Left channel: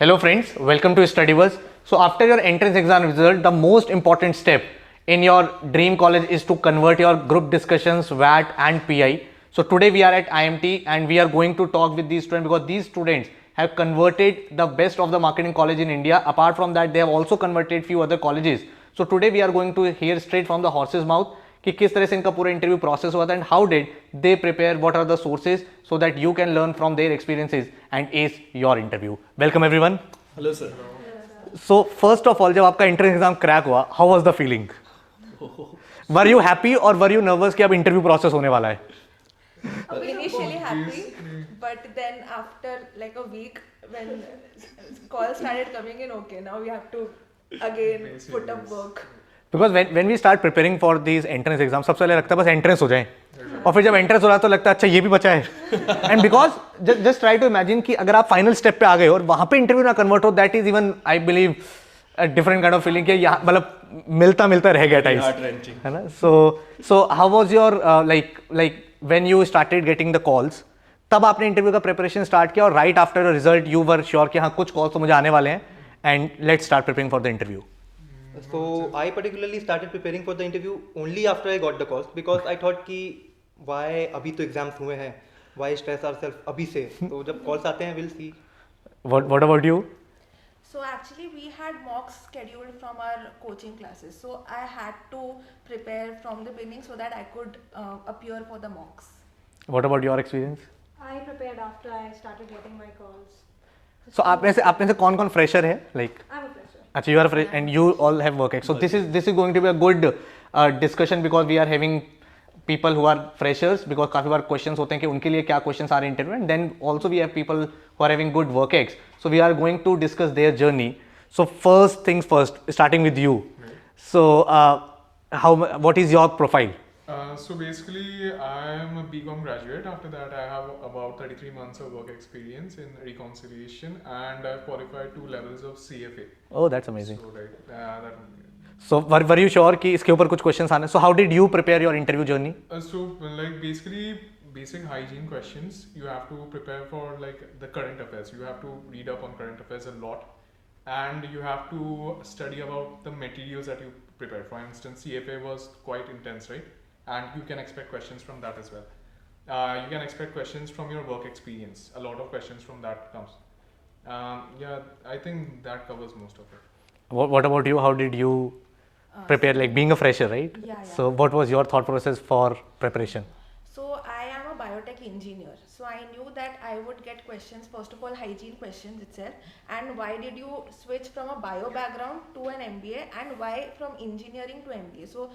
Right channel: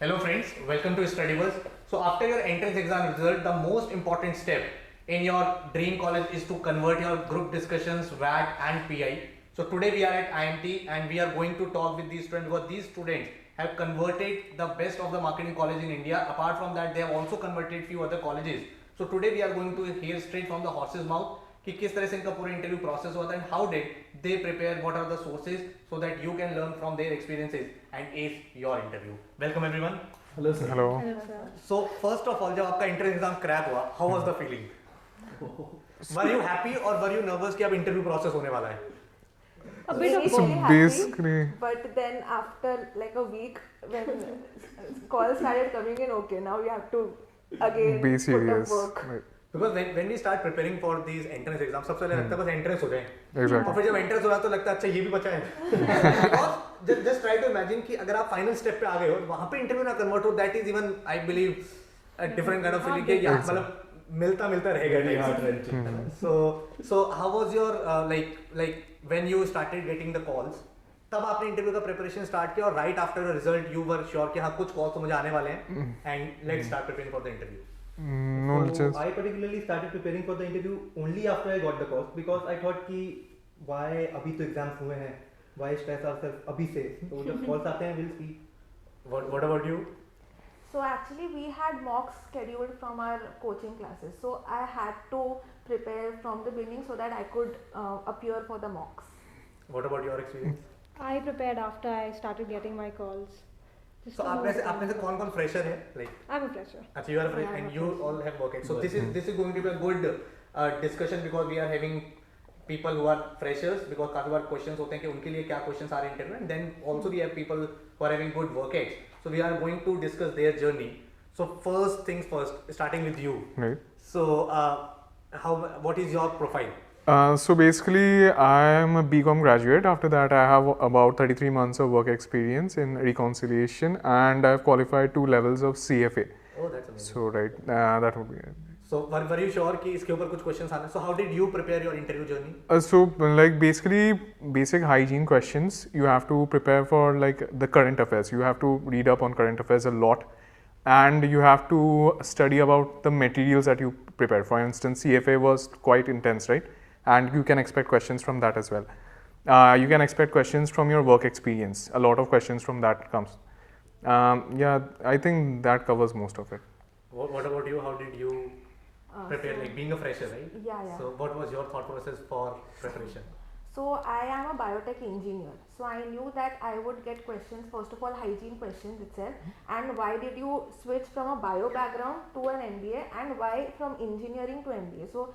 Hello friends, welcome to Studyverse. So after your entrance exam result, the most important step in your dream college is to convert your group discussions, VAT and PI. So today we are at IMT and we are going to talk with these students because these students have converted the best of the marketing college in India. Apart from that, they have also converted few other colleges. So today we are going to hear straight from the horse's mouth कि किस तरह से इनका पूरा interview process हुआ था and how did they prepare what are the sources so that you can learn from their experiences and ace your interview welcome everyone hello sir. Hello. So first of all जब आपका entrance exam crack हुआ how was the feeling were you happy और were you nervous कि अब interview process होने वाला है Initially basically- happy, but then after like a week when calls started coming in, okay, now we have to again Be put serious. up work. Right. Because when we start preparing for these entrance exams सबसे पहले लगता है बस entrance हो जाए Exactly. और फिर जब एंट्रेंस हो रहा है तो लगता है अच्छा ये भी बचा है and because just try to imagine कि अगर आप फाइनल स्टेप पे आ गए और वहां पे इंटरव्यू ना कन्वर्ट हो that is even I believe different kind of feeling कि यहाँ मतलब मिलता मिलता रह गया टाइम्स है ना so how was your like when you started getting the calls तब आपने इंटरव्यू का प्रिपरेशन स्टार्ट किया और right after result you were sure कि हाँ कुछ कॉल्स तो मुझे आने वाले हैं and let's start preparing for the interview No, So just I particularly started preparing for the interview only after I got the calls because I thought कि why अभी तो एग्जाम्स हुए हैं, why stress ourselves अभी से, तो जब calls आते हैं we'll see. what about you So actually we had mocks scheduled from our coaching classes. So I had to prepare from the beginning so that I could appear for the mocks. what about your experience I prepared after I started getting my calls. so आपने से कौन कौन fresher है like I'm a fresher. अच्छा you are fresh and you all have work ex so this is going to be a good discussion because we are having people who are freshers because काफी बार questions होते हैं कि उनके लिए क्या questions आ रहे हैं interview and then also we have people who are having good work ex so we are going to discuss their journey so first things first starting with you right. so what is your profile So basically, I am a BCom graduate. After that, I have about 33 months of work experience in reconciliation, and I've qualified 2 levels of CFA. oh that's amazing So right, that would be it. so were you sure कि इसके ऊपर कुछ questions आने so how did you prepare your interview journey So like basically basic hygiene questions. You have to prepare for like the current affairs. You have to read up on current affairs a lot, and you have to study about the materials that you prepare. For instance, CFA was quite intense, right? And you can expect questions from that as well. You can expect questions from your work experience. A lot of questions from that comes. Yeah, I think that covers most of it. what about you how did you prepare like being a fresher right Yeah. so what was your thought process for preparation So I am a biotech engineer. So I knew that I would get questions, first of all hygiene questions itself, and why did you switch from a bio background to an MBA and why from engineering to MBA. So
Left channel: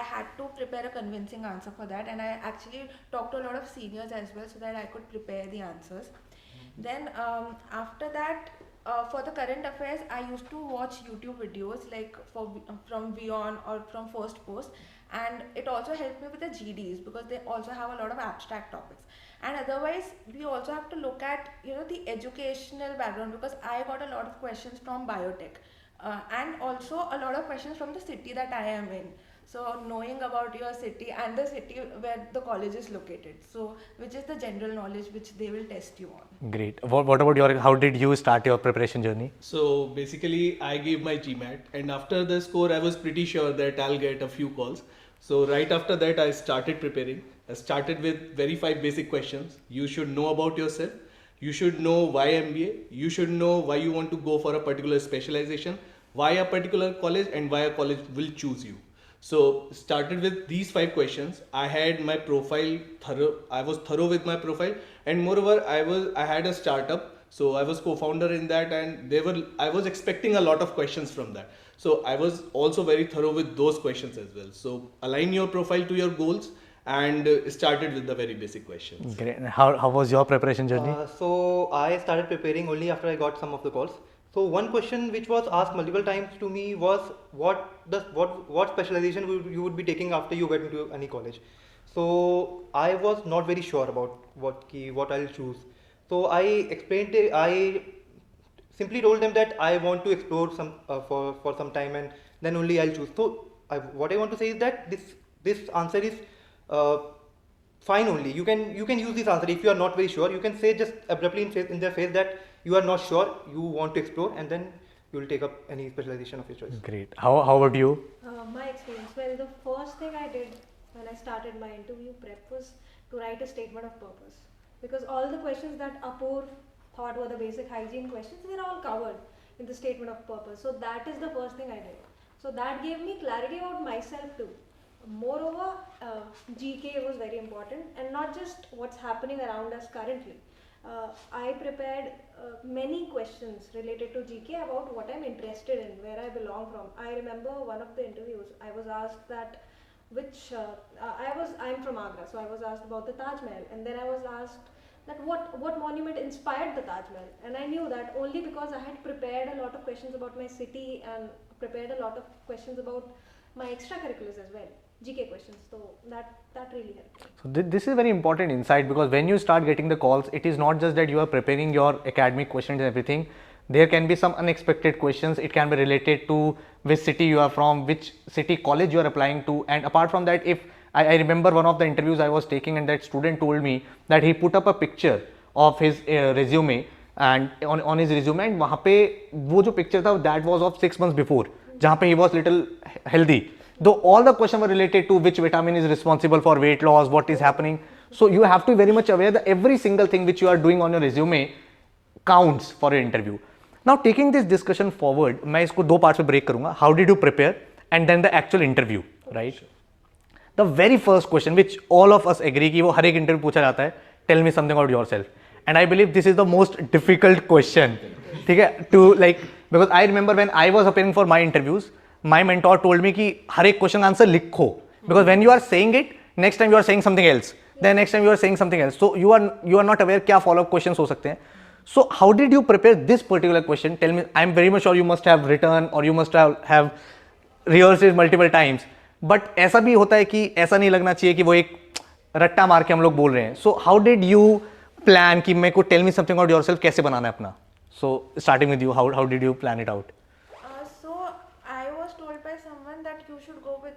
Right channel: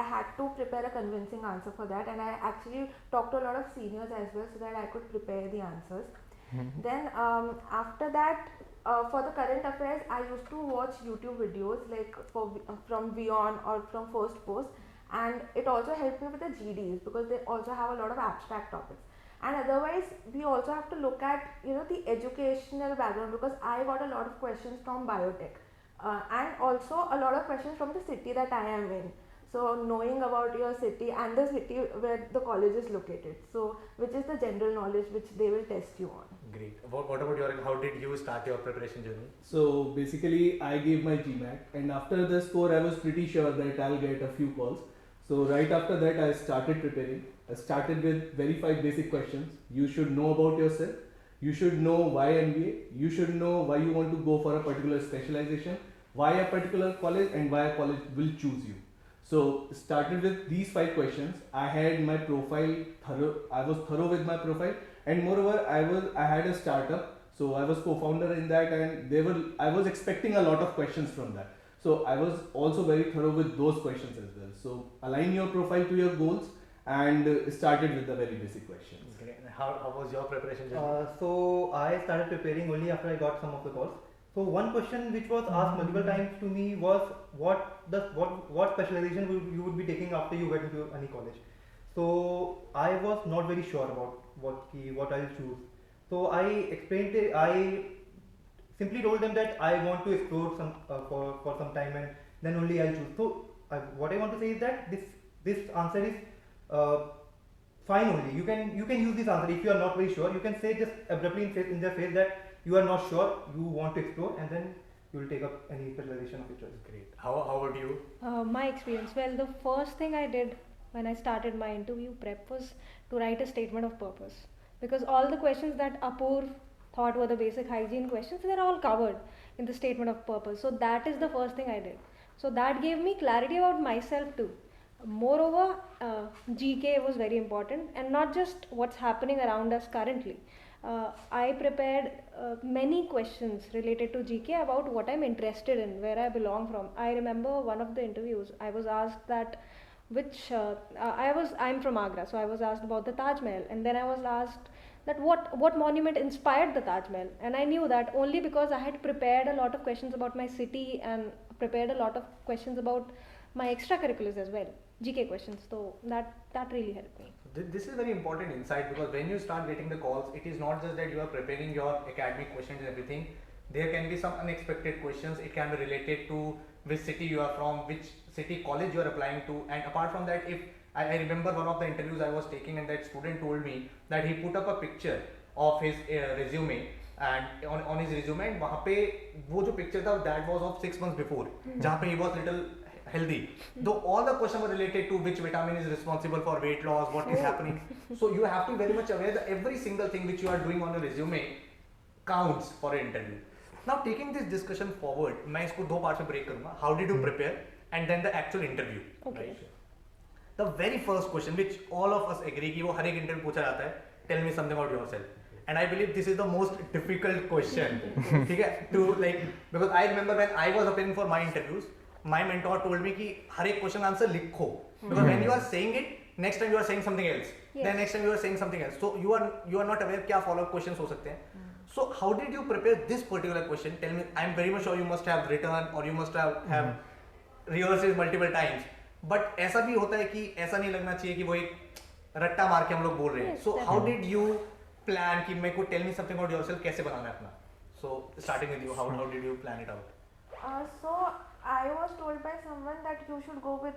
I had to prepare a convincing answer for that, and I actually talked to a lot of seniors as well so that I could prepare the answers. Then after that, for the current affairs, I used to watch YouTube videos like from Beyond or from First Post, and it also helped me with the GDs because they also have a lot of abstract topics. And otherwise, we also have to look at the educational background because I got a lot of questions from biotech, and also a lot of questions from the city that I am in. So knowing about your city and the city where the college is located, so which is the general knowledge which they will test you on. great what about your how did you start your preparation journey So basically, I gave my GMAT, and after the score, I was pretty sure that I'll get a few calls. So right after that, I started preparing. I started with very 5 basic questions. You should know about yourself. You should know why MBA. You should know why you want to go for a particular specialization, why a particular college, and why a college will choose you. So started with these 5 questions. I had my profile thorough. I was thorough with my profile, and moreover, I had a startup. So I was co-founder in that, and I was expecting a lot of questions from that. So I was also very thorough with those questions as well. So align your profile to your goals and started with the very basic questions. great how was your preparation journey So I started preparing only after I got some of the calls. So one question which was asked multiple times to me was what specialization you would be taking after you get into any college. So I was not very sure about what I'll choose. So I explained it, I simply told them that I want to explore some for some time and then only I'll choose. So what I want to say is that this answer is fine only. You can use this answer if you are not very sure. You can say just abruptly in their face that you are not sure, you want to explore, and then you will take up any specialization of your choice. Great. How about you? My experience. Well, the first thing I did when I started my interview prep was to write a statement of purpose, because all the questions that Apoor thought were the basic hygiene questions, they're all covered in the statement of purpose. So that is the first thing I did. So that gave me clarity about myself too. Moreover, GK was very important, and not just what's happening around us currently. I prepared many questions related to GK about what I'm interested in, where I belong from. I remember one of the interviews, I was asked that I'm from Agra, so I was asked about the Taj Mahal, and then I was asked that what monument inspired the Taj Mahal, and I knew that only because I had prepared a lot of questions about my city and prepared a lot of questions about my extracurriculars as well, GK questions. So that really helped me. So this is very important insight, because when you start getting the calls, it is not just that you are preparing your academic questions and everything. There can be some unexpected questions. It can be related to which city you are from, which city college you are applying to, and apart from that, if I remember one of the interviews I was taking, and that student told me that he put up a picture of his resume, and on his resume, and वहाँ पे वो जो picture था, that was of 6 months before, जहाँ पे he was little healthy. Though all the questions were related to which vitamin is responsible for weight loss, what is happening. So you have to be very much aware that every single thing which you are doing on your resume counts for your interview. Now taking this discussion forward, मैं इसको दो parts में break करूँगा. How did you prepare, and then the actual interview, right? The very first question which all of us agree कि वो हर एक interview पूछा जाता है, tell me something about yourself. And I believe this is the most difficult question, ठीक है? To like, because I remember when I was appearing for my interviews, my mentor told me कि हर एक question answer लिखो, because when you are saying it, next time you are saying something else, then next time you are saying something else, so you are not aware क्या follow up questions हो सकते हैं. So how did you prepare this particular question? Tell me. I'm very much sure you must have written or you must have rehearsed it multiple times. But ऐसा भी होता है कि ऐसा नहीं लगना चाहिए कि वो एक रट्टा मार के हम लोग बोल रहे हैं. So how did you plan कि मेरे को tell me something about yourself कैसे बनाना है अपना? So starting with you, how did you plan it out? So I was told by someone that you should go with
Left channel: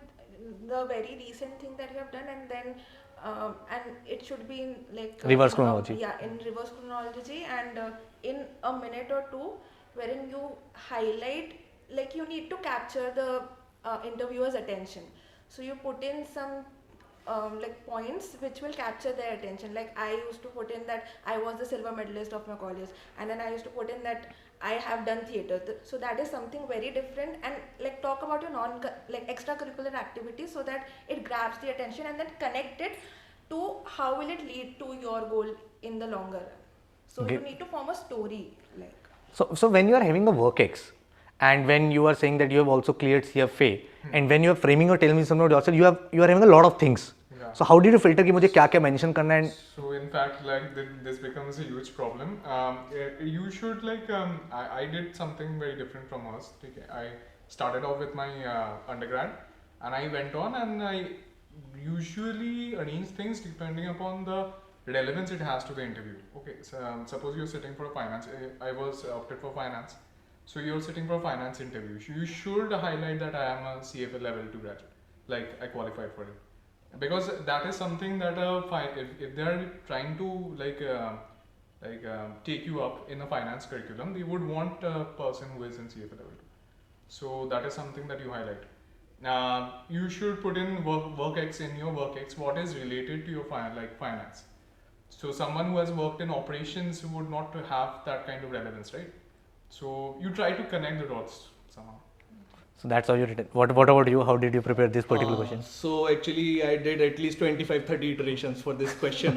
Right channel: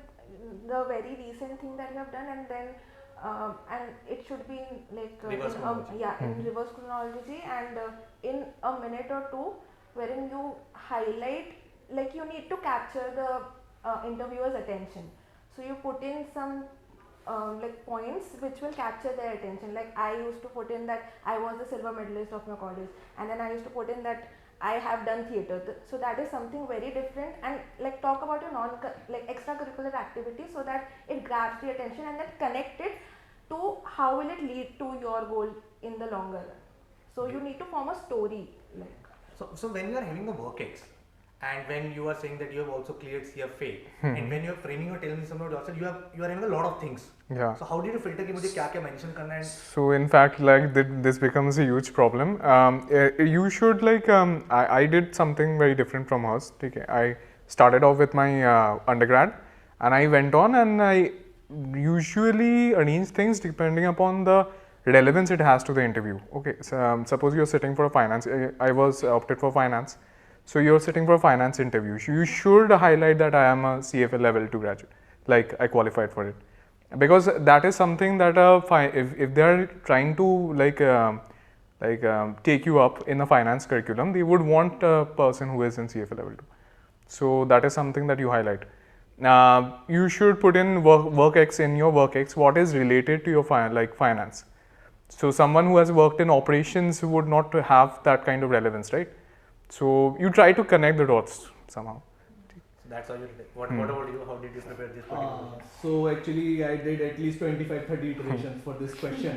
the very recent thing that you have done, and then and it should be in like Reverse chronology. In reverse chronology, and in a minute or two, wherein you highlight, like you need to capture the interviewer's attention. So you put in some like points which will capture their attention. Like I used to put in that I was the silver medalist of my college, and then I used to put in that I have done theatre. So that is something very different, and like talk about your like extracurricular activities so that it grabs the attention, and then connect it to how will it lead to your goal in the longer run. So Okay. you need to form a story like. So when you are having a work ex, and when you are saying that you have also cleared CFA, and when you are framing or telling me something about yourself, you are having a lot of things. Yeah. So how did you filter कि मुझे क्या क्या mention करना है? So in fact, like this becomes a huge problem. You should like I did something very different from us. Okay, I started off with my undergrad, and I went on, and I usually arrange things depending upon the relevance it has to the interview. Okay, so suppose you're sitting for a finance. I was opted for finance. So you're sitting for a finance interview. You should highlight that I am a CFA level 2 graduate, like I qualified for it, because that is something that if they are trying to take you up in a finance curriculum, they would want a person who is in CFA level 2. So that is something that you highlight. You should put in work X in your work X what is related to your finance. So someone who has worked in operations would not have that kind of relevance, right? So you try to connect the dots somehow. So that's how you did it. What about you? How did you prepare this particular question? So actually I did at least 25-30 iterations for this question.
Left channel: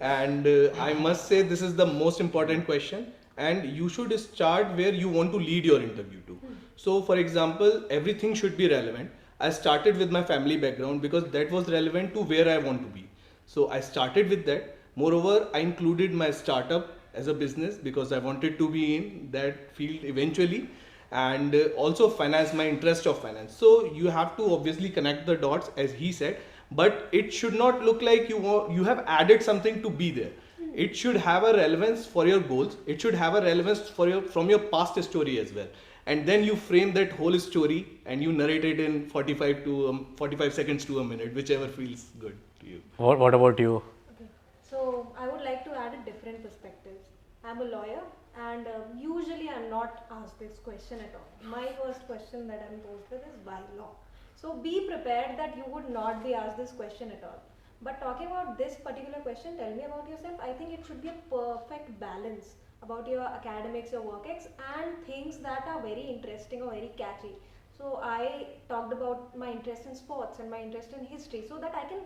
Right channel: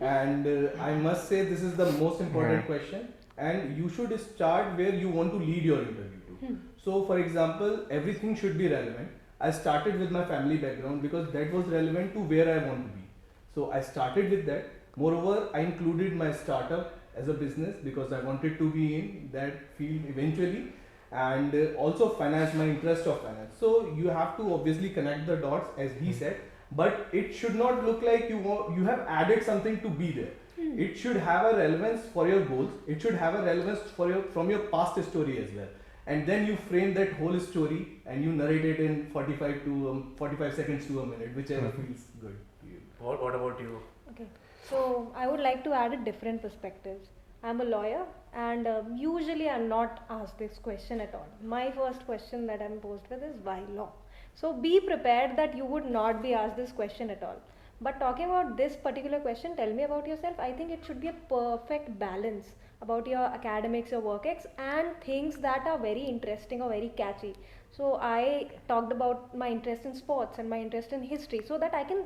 And I must say this is the most important question, and you should start where you want to lead your interview to. So for example, everything should be relevant. I started with my family background because that was relevant to where I want to be. So I started with that. Moreover, I included my startup as a business because I wanted to be in that field eventually, and also finance, my interest of finance. So you have to obviously connect the dots as he said, but it should not look like you have added something to be there. It should have a relevance for your goals. It should have a relevance from your past story as well. And then you frame that whole story and you narrate it in 45 seconds to a minute, whichever feels good to you. What about you? Okay. So I would like to add a different perspective. I'm a lawyer, and usually I'm not asked this question at all. My first question that I'm posed with is why law? So be prepared that you would not be asked this question at all. But talking about this particular question, tell me about yourself. I think it should be a perfect balance about your academics, your work ex, and things that are very interesting or very catchy. So I talked about my interest in sports and my interest in history so that I can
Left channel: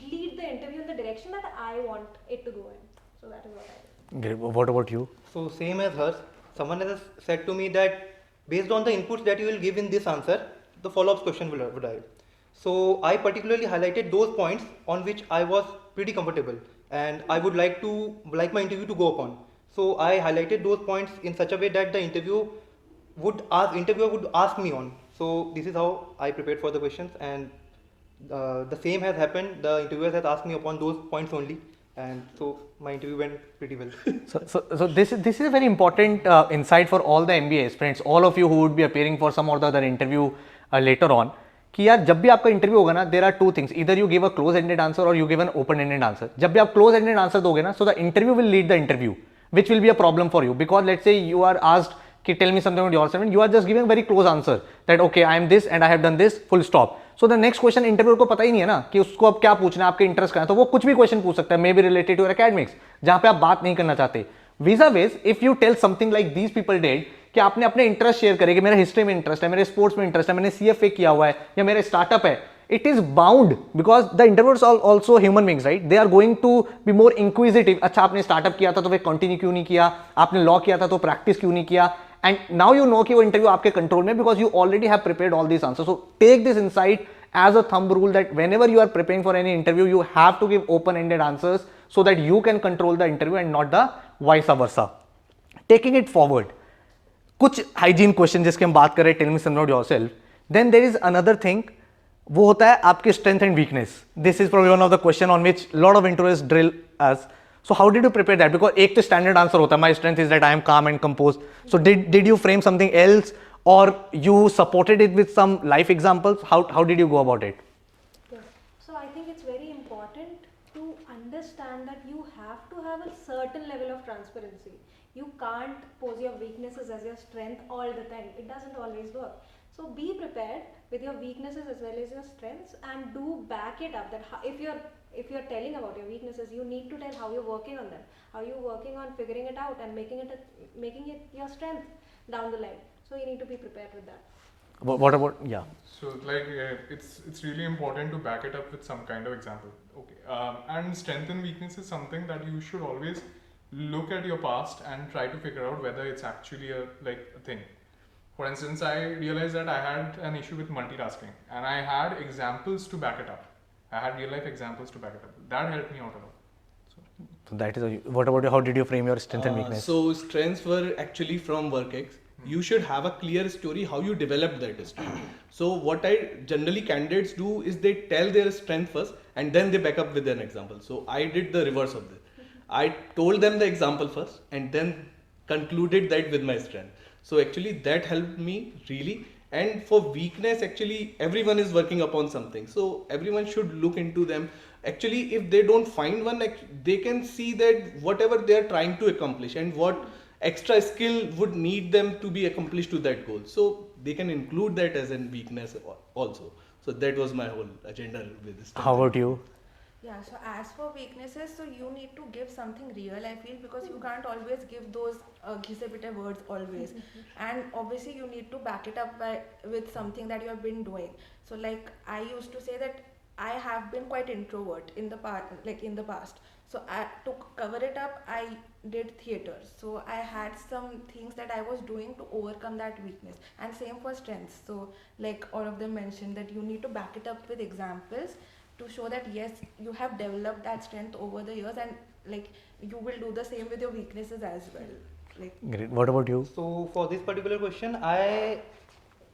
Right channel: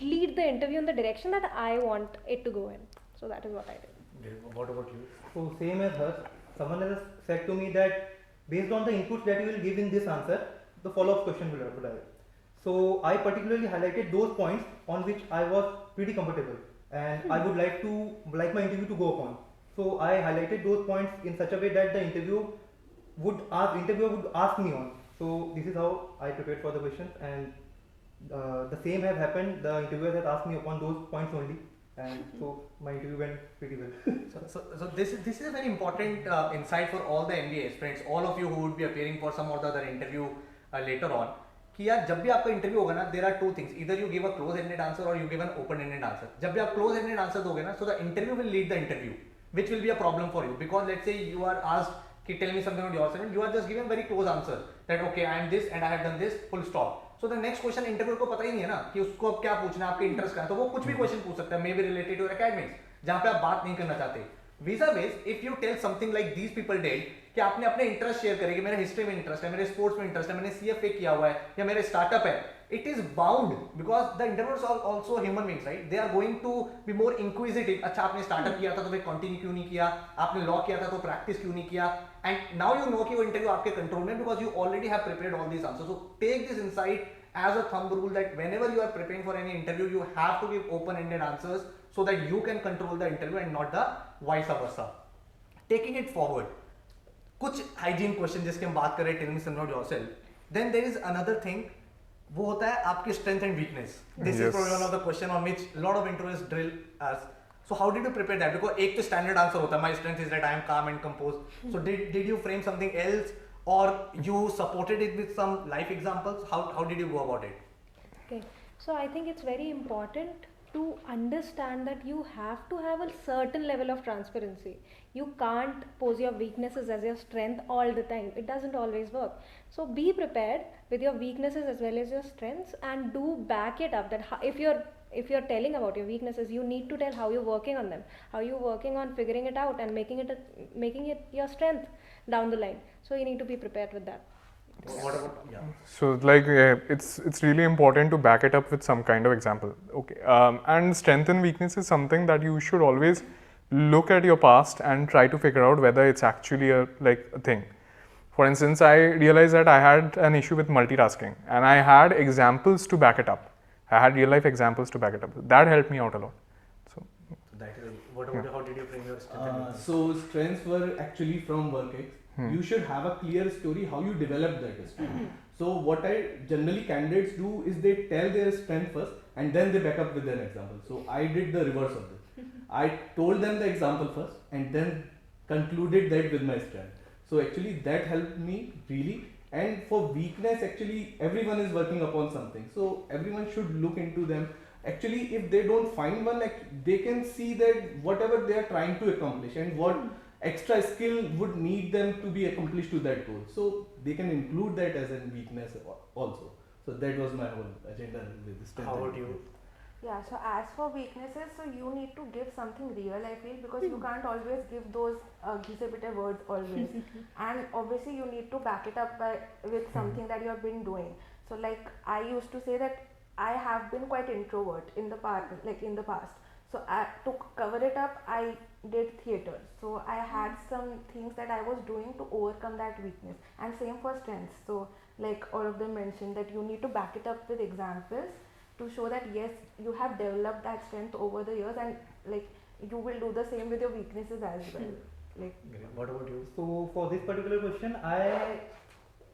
lead the interview in the direction that I want it to go in. So that is what I did. Great. What about you? So same as hers, someone has said to me that based on the inputs that you will give in this answer, the follow-up question will arrive. So I particularly highlighted those points on which I was pretty comfortable and I would like my interview to go upon. So I highlighted those points in such a way that the interviewer would ask me on. So this is how I prepared for the questions, and the same has happened. The interviewer has asked me upon those points only, and so my interview went pretty well. So this is a very important insight for all the MBA aspirants, all of you who would be appearing for some or the other interview later on. कि यार जब भी आपका interview होगा ना, there are two things, इधर you give a close ended answer और you give an open ended answer. जब भी आप क्लोज एंडेड आंसर दोगे ना, so the interview will lead the interview, which will be a problem for you, because let's say you are asked कि tell me something about yourself and you are just giving a very close answer that okay I am this and I have done this, full stop. So the next question interviewer को पता ही नहीं है ना कि उसको अब क्या पूछना है, आपके इंटरेस्ट का है, तो वो कुछ भी क्वेश्चन पूछ सकता है, maybe related to your academics, जहां पे आप बात नहीं करना चाहते. Visa ways if you tell something like these people did कि आपने अपने इंटरेस्ट शेयर करे कि मेरा हिस्ट्री में इंटरेस्ट है, मेरे स्पोर्ट्स में इंटरेस्ट है, मैंने सीएफए किया हुआ है या मेरे स्टार्टअप है, it is bound because the interviewers are also human beings, right? They are going to be more inquisitive. अच्छा आपने स्टार्टअप किया था तो वे कंटिन्यू क्यों नहीं किया, आपने लॉ किया था तो प्रैक्टिस क्यों नहीं किया, एंड नाउ यू नो कि वो इंटरव्यू आपके कंट्रोल में, because you already have prepared all this answer. So take this insight as a thumb rule that whenever you are preparing for any interview, you have to give open-ended answers so that you can control the interview and not the vice versa. Taking it forward, कुछ hygiene question जिसके हम बात करें, tell me something about yourself. Then there is another thing, वो होता है आपके strength and weakness. This is probably one of the question on which lot of interviewers drill us. So how did you prepare that? Because एक तो standard answer होता है, my strength is that I am calm and composed. So did you frame something else, or you supported it with some life examples? How did you go about it? Okay, so I think it's very important to understand that you have to have a certain level of transparency. You can't pose your weaknesses as your strength all the time. It doesn't always work. So be prepared with your weaknesses as well as your strengths, and do back it up. That if you're telling about your weaknesses, you need to tell how you're working on them, how you're working on figuring it out and making it your strength down the line. So you need to be prepared with that. What about, yeah. So like it's really important to back it up with some kind of example. Okay, and strength and weakness is something that you should always look at your past and try to figure out whether it's actually a thing. For instance, I realized that I had an issue with multitasking, and I had examples to back it up. I had real life examples to back it up. That helped me out a lot. So that is what about how did you frame your strength and weakness? So strengths were actually from WorkX. You should have a clear story how you developed that story. So what I generally candidates do is they tell their strength first and then they back up with an example. So I did the reverse of this. I told them the example first and then concluded that with my strength. So actually that helped me really. And for weakness, actually everyone is working upon something. So everyone should look into them. Actually, if they don't find one, they can see that whatever they are trying to accomplish and what extra skill would need them to be accomplished to that goal. So they can include that as a weakness also. So that was my whole agenda with this. How about you? Yeah, so as for weaknesses, so you need to give something real, I feel, because you can't always give those ghise-pitte words always. And obviously you need to back it up with something that you have been doing. So like I used to say that I have been quite introvert in the past. So to cover it up, I did theatre. So I had some things that I was doing to overcome that weakness. And same for strengths. So like all of them mentioned that you need to back it up with examples to show that yes, you have developed that strength over the years, and like you will do the same with your weaknesses as well. Like Great. What about you? So for this particular question, I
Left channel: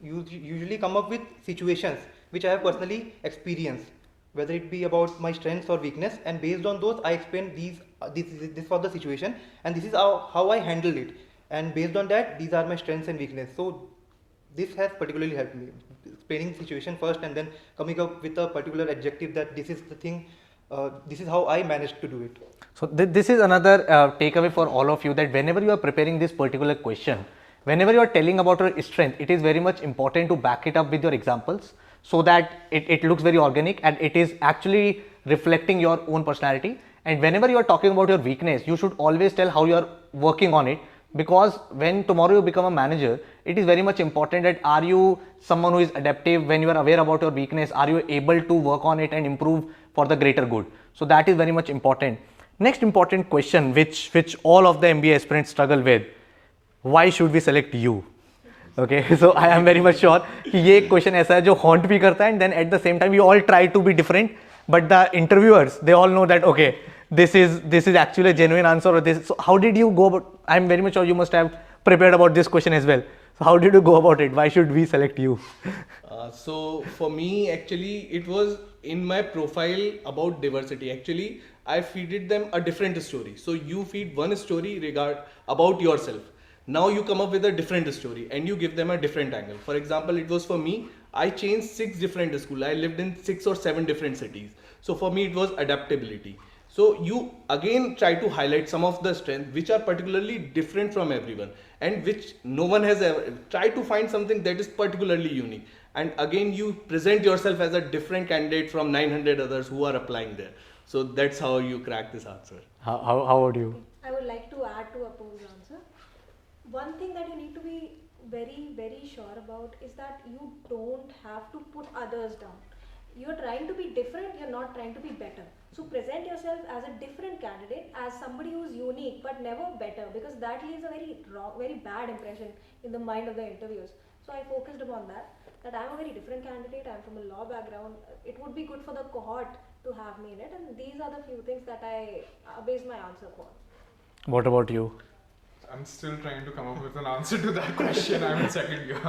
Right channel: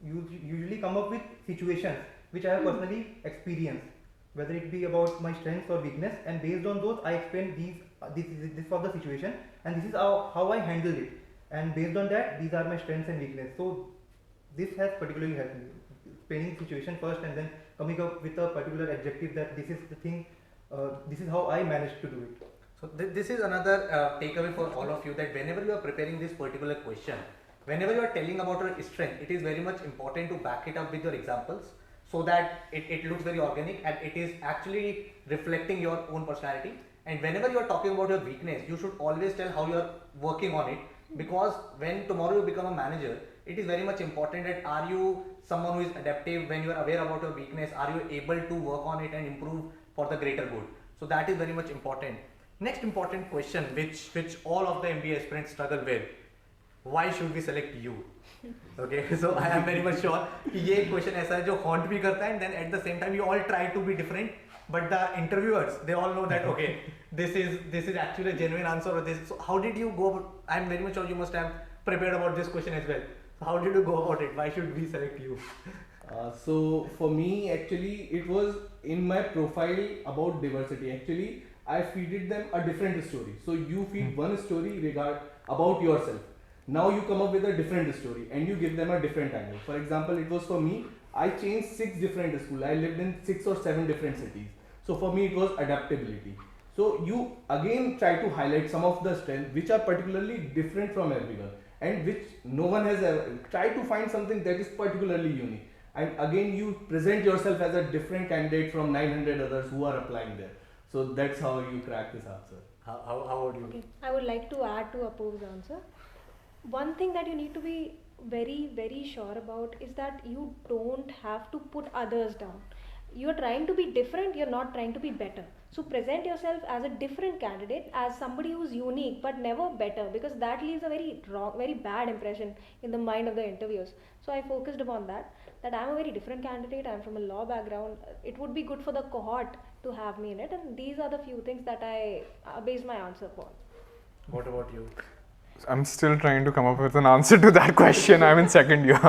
usually come up with situations which I have personally experienced, whether it be about my strengths or weakness, and based on those I explain this was the situation and this is how I handled it, and based on that these are my strengths and weakness. So this has particularly helped me, explaining situation first and then coming up with a particular adjective that this is the thing this is how I managed to do it. So this is another takeaway for all of you, that whenever you are preparing this particular question, whenever you are telling about your strength, it is very much important to back it up with your examples, so that it looks very organic and it is actually reflecting your own personality. And whenever you are talking about your weakness, you should always tell how you are working on it, because when tomorrow you become a manager, it is very much important that are you someone who is adaptive. When you are aware about your weakness, are you able to work on it and improve for the greater good? So that is very much important. Next important question which all of the MBA aspirants struggle with: why should we select you? Okay, so I am very much sure कि ये question ऐसा है जो haunt भी करता है, and then at the same time we all try to be different, but the interviewers, they all know that okay, this is actually a genuine answer, or this. So how did you go about? I'm very much sure you must have prepared about this question as well. So how did you go about it? Why should we select you? So for me, actually, it was in my profile about diversity. Actually, I feeded them a different story. So you feed one story about yourself. Now you come up with a different story and you give them a different angle. For example, it was for me, I changed 6 different schools. I lived in 6 or 7 different cities. So for me, it was adaptability. So you again try to highlight some of the strengths which are particularly different from everyone and which no one has ever. Try to find something that is particularly unique. And again, you present yourself as a different candidate from 900 others who are applying there. So that's how you crack this answer. How would you? Okay. I would like to add to Apur's answer. One thing that you need to be very, very sure about is that you don't have to put others down. You're trying to be different, you're not trying to be better. So present yourself as a different candidate, as somebody who's unique but never better, because that leaves a very wrong, very bad impression in the mind of the interviewers. So I focused upon that I'm a very different candidate, I'm from a law background. It would be good for the cohort to have me in it, and these are the few things that I base my answer upon. What about you? I'm still trying to come up with an answer to that question. I'm in second year,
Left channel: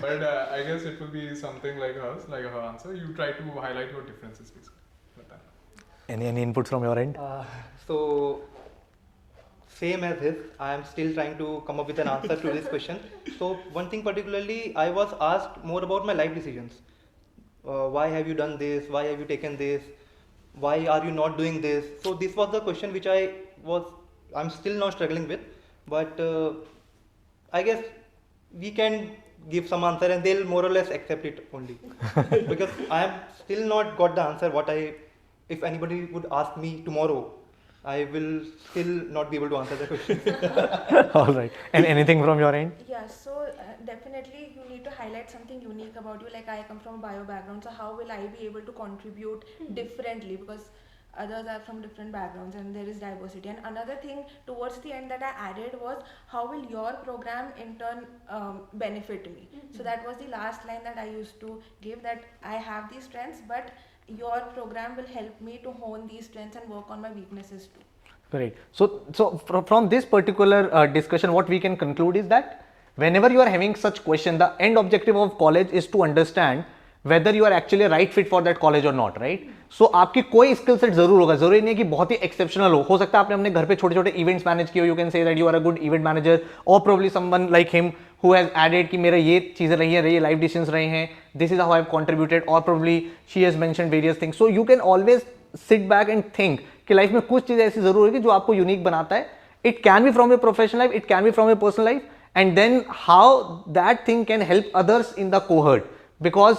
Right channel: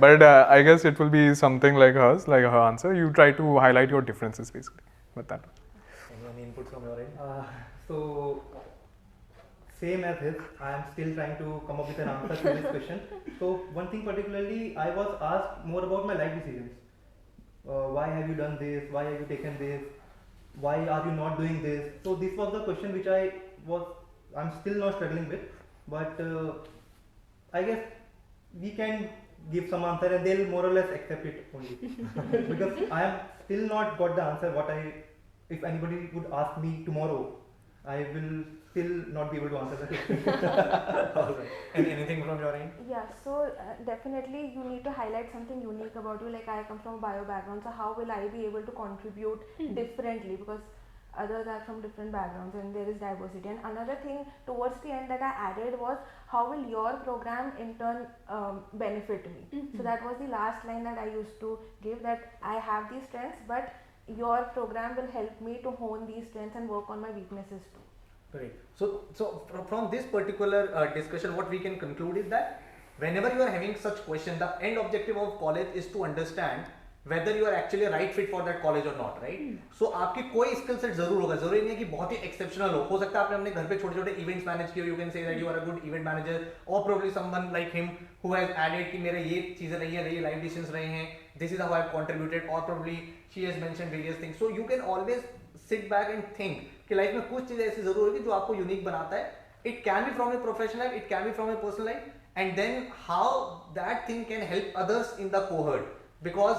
but I guess it will be something like hers, like her answer. You try to highlight your differences basically with that. Any inputs from your end? So same as his, I am still trying to come up with an answer to this question. So one thing particularly, I was asked more about my life decisions. Why have you done this? Why have you taken this? Why are you not doing this? So this was the question which I'm still not struggling with, but I guess we can give some answer and they'll more or less accept it only. Because I have still not got the answer if anybody would ask me tomorrow, I will still not be able to answer the question. All right. And anything from your end? Yeah, so definitely you need to highlight something unique about you. Like I come from bio background, so how will I be able to contribute differently, because others are from different backgrounds and there is diversity. And another thing towards the end that I added was, how will your program in turn benefit me? So that was the last line that I used to give, that I have these strengths, but your program will help me to hone these strengths and work on my weaknesses too. Great. So from this particular discussion, what we can conclude is that whenever you are having such question, the end objective of college is to understand whether you are actually a right fit for that college or not, right? So आपकी कोई skill set जरूर होगा, जरूरी नहीं कि बहुत ही exceptional हो सकता है आपने अपने घर पे छोटे छोटे events manage किए हो, you can say that you are a good event manager, or probably someone like him who has added कि मेरा ये चीज़ें रही हैं, ये life decisions रहे हैं, this is how I have contributed, or probably she has mentioned various things. So you can always sit back and think कि लाइफ में कुछ चीज़ें ऐसी जरूर होगी जो आपको यूनिक बनाता है. It can be from your professional life, it can be from your personal life, and then how that thing can help others in the cohort. Because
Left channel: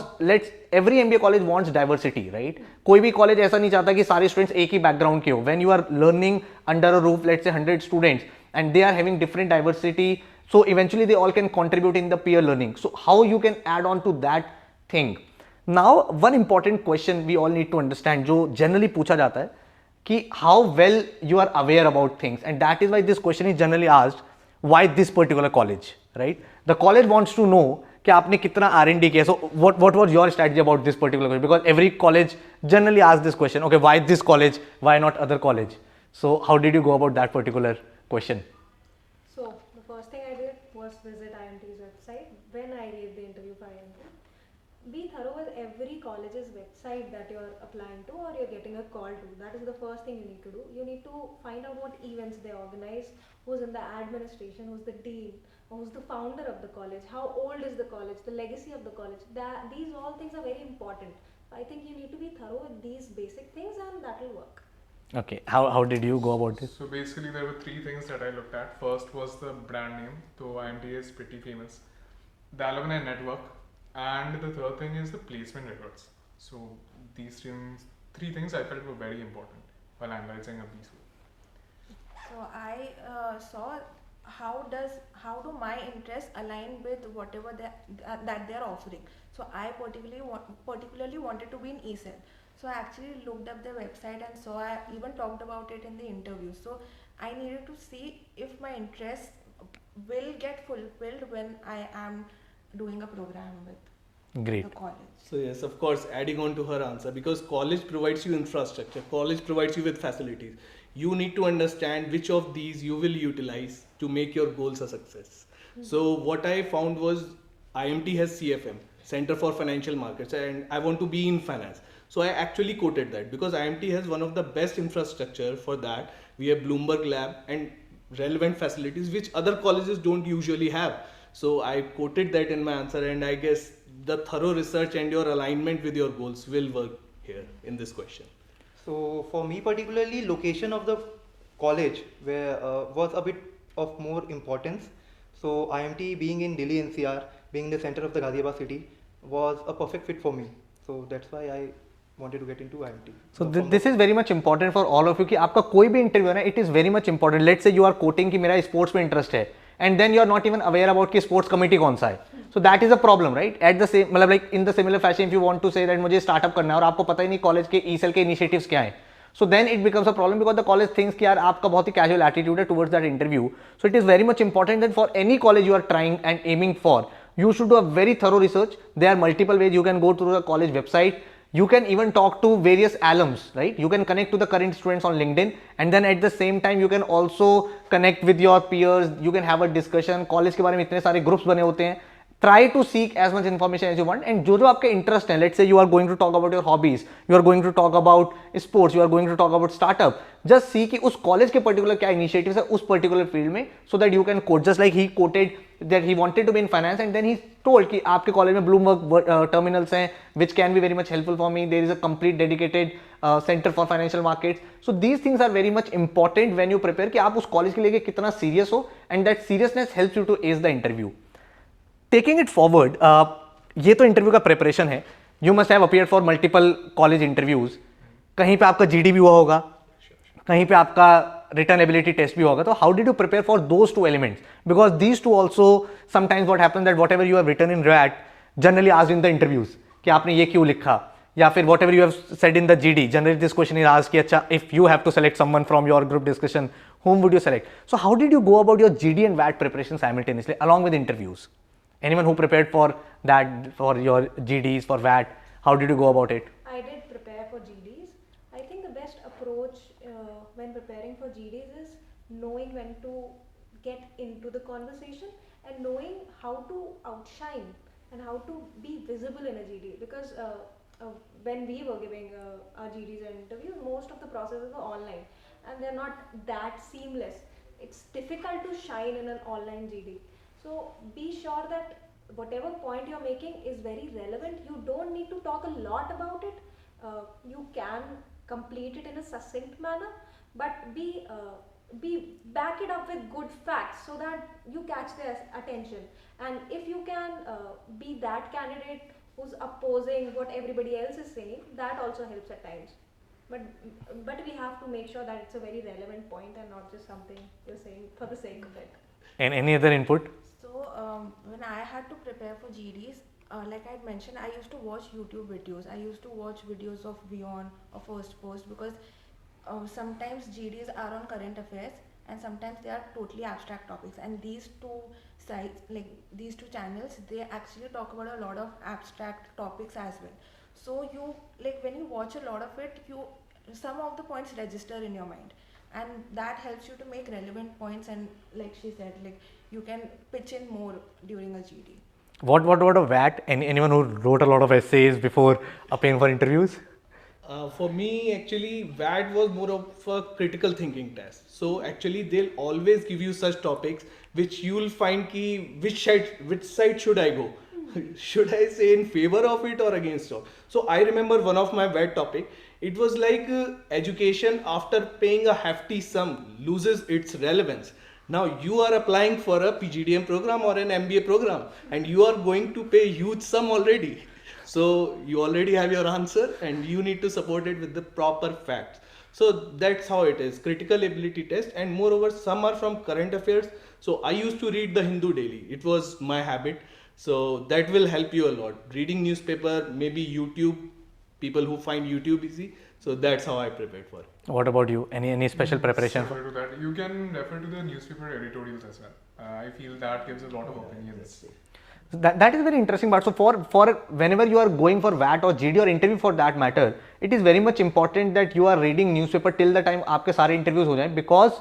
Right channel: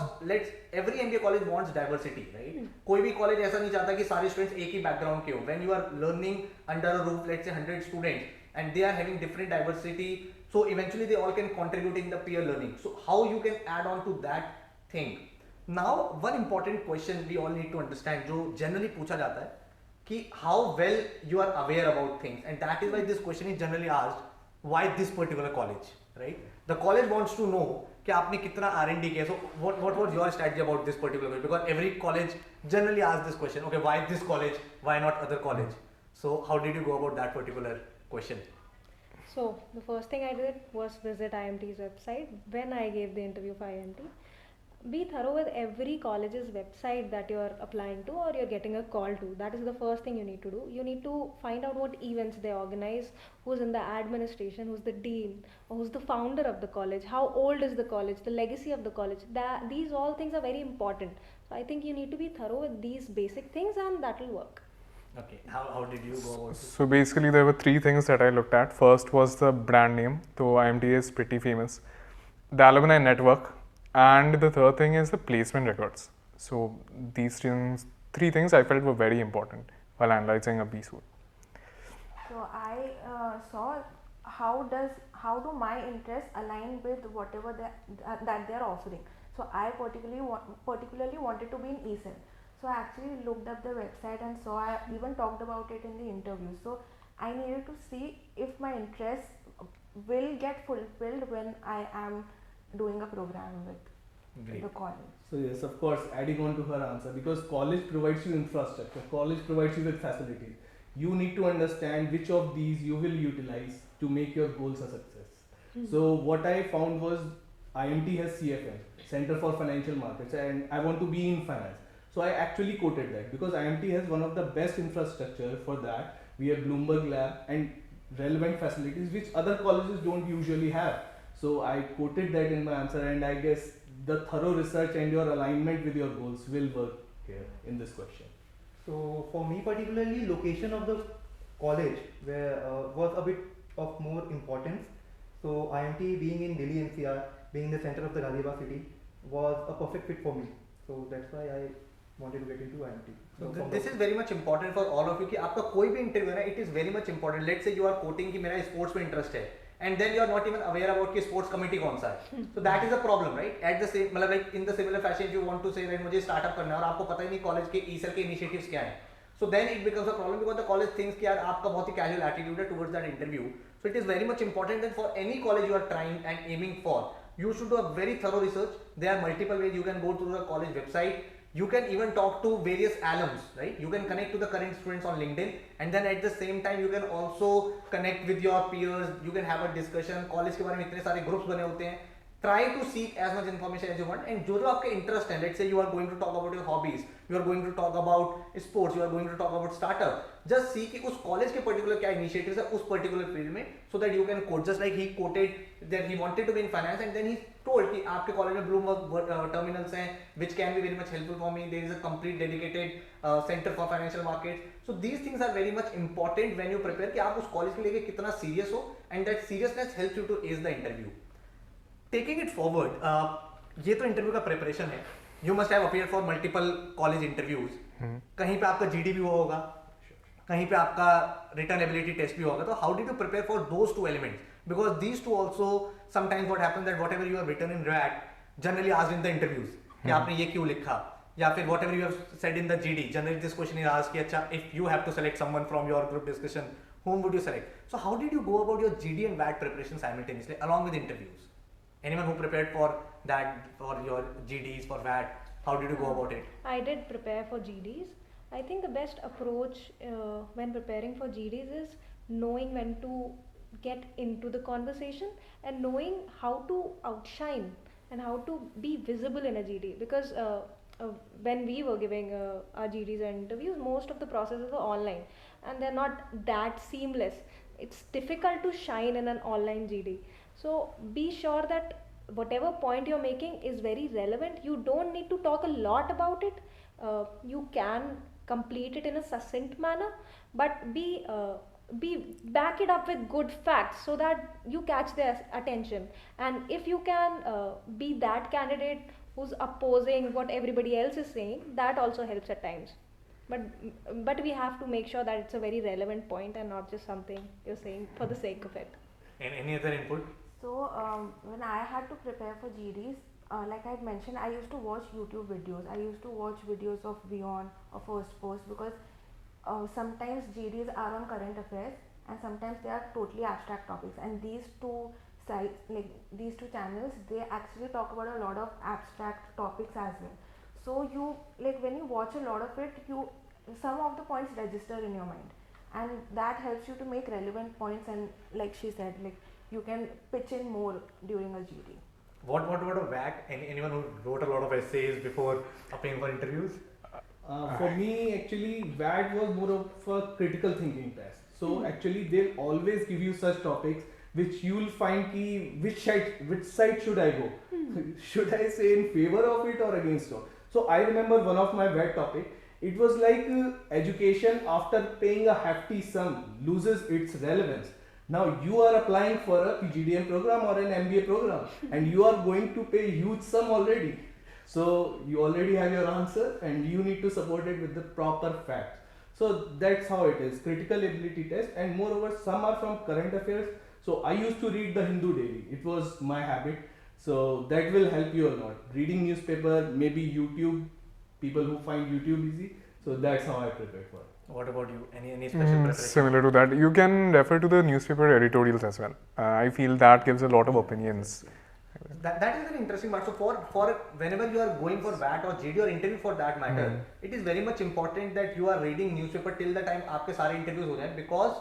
every MBA college wants diversity, right? कोई भी college ऐसा नहीं चाहता कि सारे students एक ही background के हो. When you are learning under a roof, let's say 100 students, and they are having different diversity, so eventually they all can contribute in the peer learning. So how you can add on to that thing? Now one important question we all need to understand, जो generally पूछा जाता है, कि how well you are aware about things, and that is why this question is generally asked, why this particular college, right? The college wants to know कि आपने कितना R&D किया. So what was your strategy about this particular college? Because every college generally asks this question, okay, why this college, why not other college? So how did you go about that particular question? So the first thing I did was visit IMT's website when I gave the interview for IMT. Be thorough with every college's website that you are applying to or you're getting a call to. That is the first thing you need to do. You need to find out what events they organize, who's in the administration, who's the dean, who's the founder of the college, how old is the college, the legacy of the college. These all things are very important. So I think you need to be thorough with these basic things, and that will work. Okay, how did you go about it? So basically, there were three things that I looked at. First was the brand name. So IMT is pretty famous. The alumni network, and the third thing is the placement records. So these three things I felt were very important while analyzing a B school. So I saw how do my interests align with whatever that they are offering. So I particularly wanted to be in ESL. So I actually looked up their website and saw, I even talked about it in the interview. So I needed to see if my interests will get fulfilled when I am doing a program with Great. the college. So yes, of course, adding on to her answer, because college provides you infrastructure, college provides you with facilities. You need to understand which of these you will utilize to make your goals a success. So what I found was IMT has CFM, Center for Financial Markets, and I want to be in finance. So I actually quoted that because IMT has one of the best infrastructure for that. We have Bloomberg Lab and relevant facilities which other colleges don't usually have. So I quoted that in my answer, and I guess the thorough research and your alignment with your goals will work here in this question. So for me particularly, location of the college was a bit of more importance. So IMT being in Delhi NCR, being the center of the Ghaziabad city, was a perfect fit for me. So that's why I wanted to get into IMT. So this is very much important for all of you कि आपका कोई भी interview है ना, it is very much important. Let's say you are quoting कि मेरा sports में interest है, and then you are not even aware about कि स्पोर्ट्स कमेटी कौन सा है. So that is a problem, right? At the same मतलब like in the similar fashion, if you want to say that मुझे startup करना है और आपको पता ही नहीं कॉलेज के ESL के इनिशिएटिव्स क्या हैं, so then it becomes a problem because the college thinks कि यार आपका बहुत ही casual attitude है towards that interview. So it is very much important that for any college you are trying and aiming for, you should do a very thorough research. There are multiple ways you can go through the college website. You can even talk to various alums, right? You can connect to the current students on LinkedIn, and then at the same time you can also connect with your peers. You can have a discussion. College के बारे में इतने सारे groups बने होते हैं. Try to seek as much information as you want, and जो आपके interest है, let's say you are going to talk about your hobbies, you are going to talk about sports, you are going to talk about startup, just see कि उस college के particular क्या initiatives है उस particular field में, so that you can quote. Just like he quoted that he wanted to be in finance, and then he told कि आपके college में Bloomberg terminals हैं which can be very much helpful for me. There is a complete dedicated center for financial markets. So these things are very much important when you prepare कि आप उस college के लिए कितना serious हो, and that seriousness helps you to ace the interview. Taking it forward, ये तो interview का प्रिपरेशन है. You must have appeared for multiple college interviews. कहीं पे आपका जीडी भी हुआ होगा, कहीं पे आपका रिटर्न एबिलिटी टेस्ट भी होगा. तो how did you prepare for those two elements? Because these two also sometimes what happens that whatever you have written in rat generally asked in the interviews कि आपने ये क्यों लिखा, या फिर whatever you have said in the GD generally this question is asked कि अच्छा if you have to select someone from your group discussion, whom would you select? So how did you go about your GD and VAT preparation simultaneously along with interviews? Anyone who prepared for that, for your GDs, for VAT, how did you go about it? I did prepare for GDs. I think the best approach when preparing for GDs is knowing when to get into the conversation and knowing how to outshine and how to be visible in a GD. Because when we were giving our GDs and interviews, most of the processes were online and they're not that seamless. It's difficult to shine in an online GD. So be sure that whatever point you're making is very relevant. You don't need to talk a lot about it. You can complete it in a succinct manner, but be back it up with good facts so that you catch their attention. And if you can be that candidate who's opposing what everybody else is saying, that also helps at times. But we have to make sure that it's a very relevant point and not just something you're saying for the sake of it. And any other input? So when I had to prepare for GDs, like I had mentioned, I used to watch YouTube videos. I used to watch videos of Beyond or First Post because sometimes GDs are on current affairs and sometimes they are totally abstract topics. And these two sites, like these two channels, they actually talk about a lot of abstract topics as well. So you like when you watch a lot of it, some of the points register in your mind, and that helps you to make relevant points. And like she said, like you can pitch in more during a GD. What about VAT? Anyone who wrote a lot of essays before appearing for interviews? For me, actually, VAT was more of a critical thinking test. So actually, they'll always give you such topics which you will find ki which side should I go. should I say in favor of it or against it? So I remember one of my wet topic. It was like education after paying a hefty sum loses its relevance. Now you are applying for a PGDM program or an MBA program, and you are going to pay huge sum already. So you already have your answer, and you need to support it with the proper facts. So that's how it is. Critical ability test, and moreover, some are from current affairs. So I used to read the Hindu daily. It was my habit. So that will help you a lot. Reading newspaper, maybe YouTube, people who find YouTube easy. So that's how I prepared for it. What about you? Any special preparation? Similar to that, you can refer to the newspaper editorials as well. I feel that gives a lot of opinions. That is very interesting part. So for whenever you are going for VAT or GD or interview for that matter, it is very much important that you are reading newspaper till the time आपके सारे interviews हो जाएं, because